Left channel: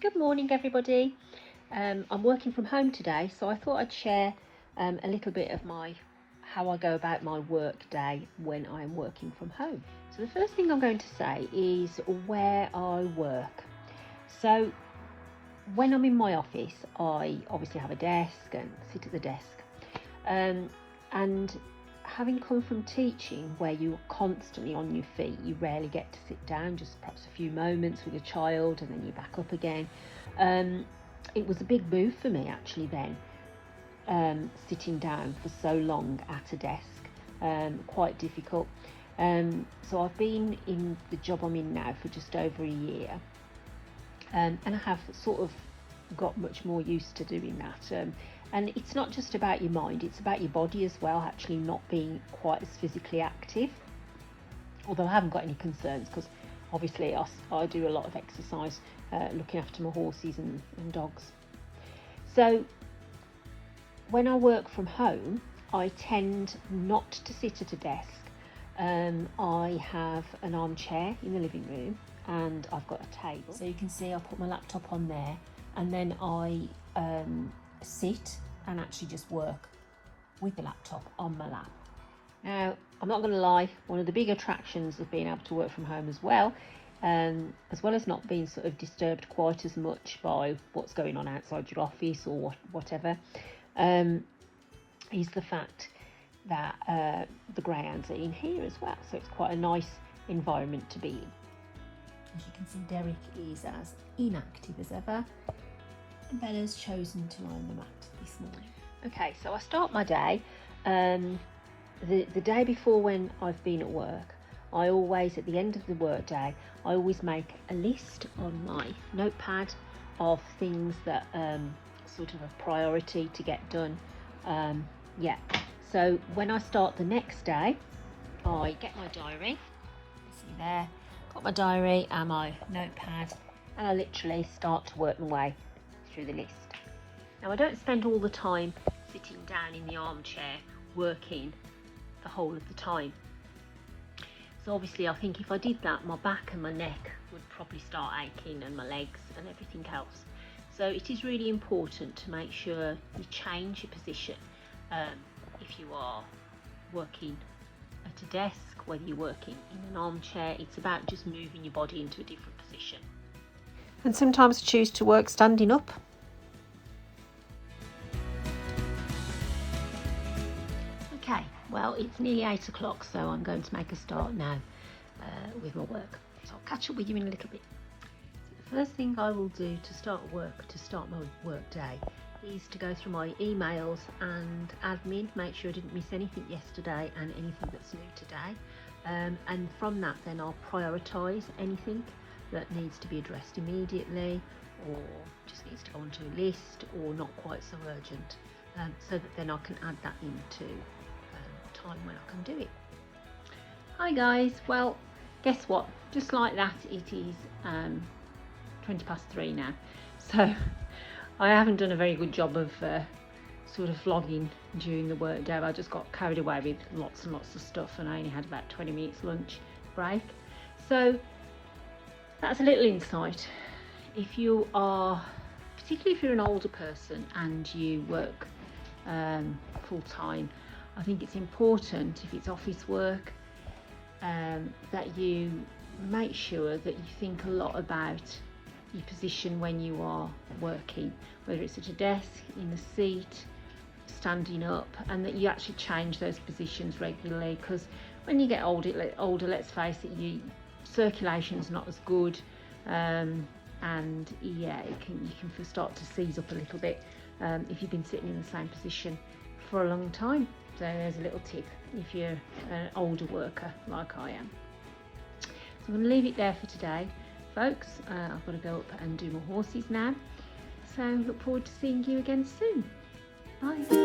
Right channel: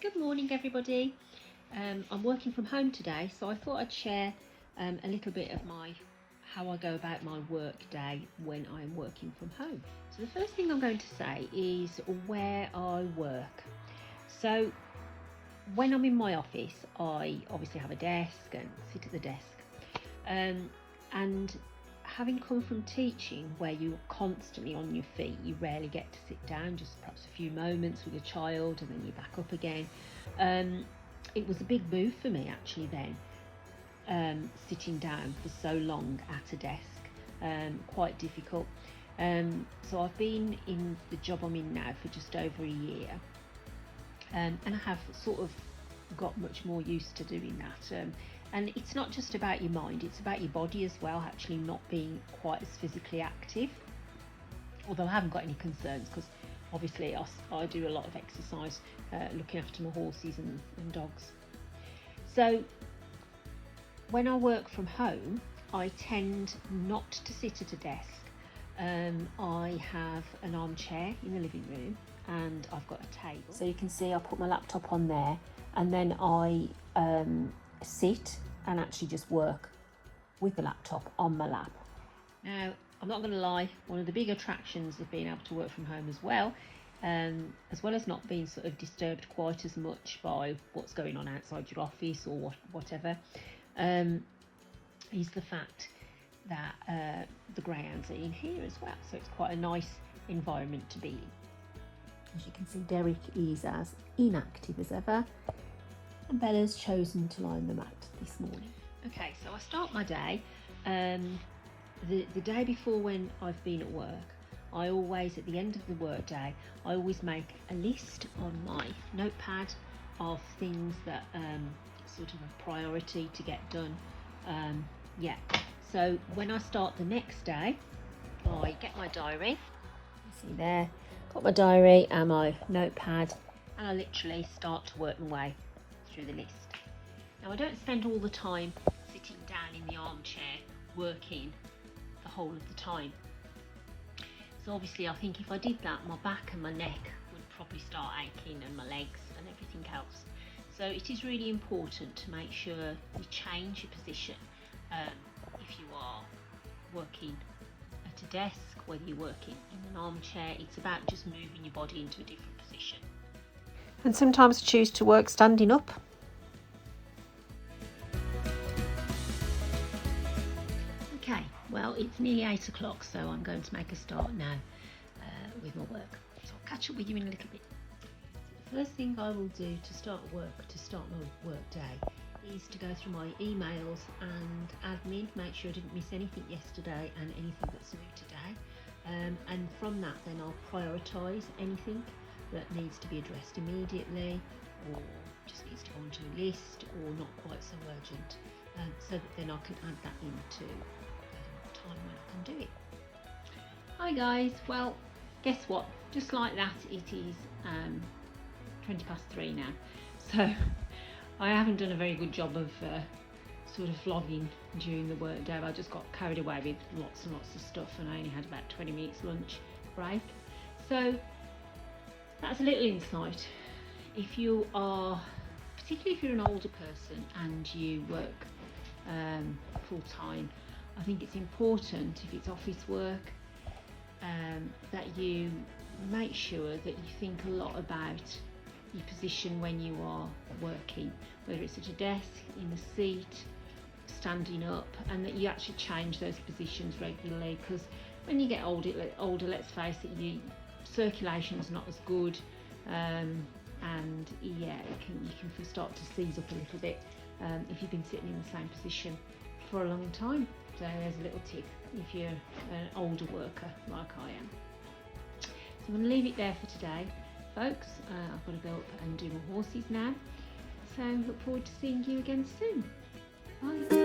Good morning, everybody. I'm working from home today, so I thought I'd share a little bit of how I go about my work day when I'm working from home. So the first thing I'm going to say is where I work. So when I'm in my office, I obviously have a desk and sit at the desk. And having come from teaching where you're constantly on your feet, you rarely get to sit down, just perhaps a few moments with a child and then you're back up again. It was a big move for me actually then, sitting down for so long at a desk, quite difficult. So I've been in the job I'm in now for just over a year, and I have sort of got much more used to doing that. And it's not just about your mind, it's about your body as well, actually not being quite as physically active. Although I haven't got any concerns because obviously I do a lot of exercise, looking after my horses and dogs. So when I work from home, I tend not to sit at a desk. I have an armchair in the living room and I've got a table. So you can see I put my laptop on there and then I sit and actually just work with the laptop on my lap. Now, I'm not going to lie, one of the big attractions of being able to work from home as well as not being sort of disturbed quite as much by what's going on outside your office or whatever, is the fact that the greyhounds are in here as well. So it's quite a nice environment to be in. As you can see, Derek is as inactive as ever. And Bella's chosen to lie on the mat this morning. Okay, so I start my day. The day before when I've been at work, I always, at the end of the work day, I always make a list on my notepad of things that sort of a priority to get done. So when I start the next day, I get my diary. You see there, got my diary and my notepad, and I literally start to work my way through the list. Now I don't spend all the time sitting down in the armchair working the whole of the time. So obviously I think if I did that, my back and my neck would probably start aching and my legs and everything else. So it is really important to make sure you change your position. If you are working at a desk, whether you're working in an armchair, it's about just moving your body into a different position. And sometimes choose to work standing up. Okay, well, it's nearly 8 o'clock, so I'm going to make a start now with my work. So I'll catch up with you in a little bit. The first thing I will do to start my work day, is to go through my emails and admin, make sure I didn't miss anything yesterday and anything that's new today. And from that, then I'll prioritise anything that needs to be addressed immediately or just needs to go onto a list or not quite so urgent, so that then I can add that into time when I can do it. Hi guys, well guess what, just like that it is 3:20 now, so I haven't done a very good job of sort of vlogging during the work day. I just got carried away with lots and lots of stuff and I only had about 20 minutes lunch break. So that's a little insight. If you are, particularly if you're an older person and you work full time, I think it's important, if it's office work, that you make sure that you think a lot about your position when you are working, whether it's at a desk, in a seat, standing up, and that you actually change those positions regularly, because when you get older, let's face it, your circulation's not as good, and yeah, you can start to seize up a little bit if you've been sitting in the same position for a long time. So there's a little tip if you're an older worker like I am. So I'm going to leave it there for today, folks. I've got to go up and do my horses now. So look forward to seeing you again soon. Bye.